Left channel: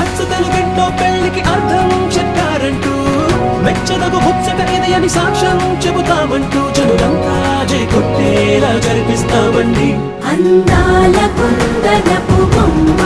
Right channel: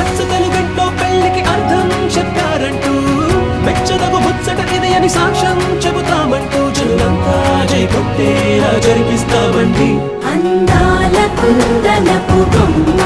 అచ్చ తెలుగింట్లో పెళ్లికి అర్థం చెప్పారంటూ మెచ్చదగు ముచ్చట ఇది అని సాక్ష్యం చెబుతామంటూ జనులంతా జై కొట్టేలా జరిపిస్తామండి అందాల కుందనపు బొమ్మ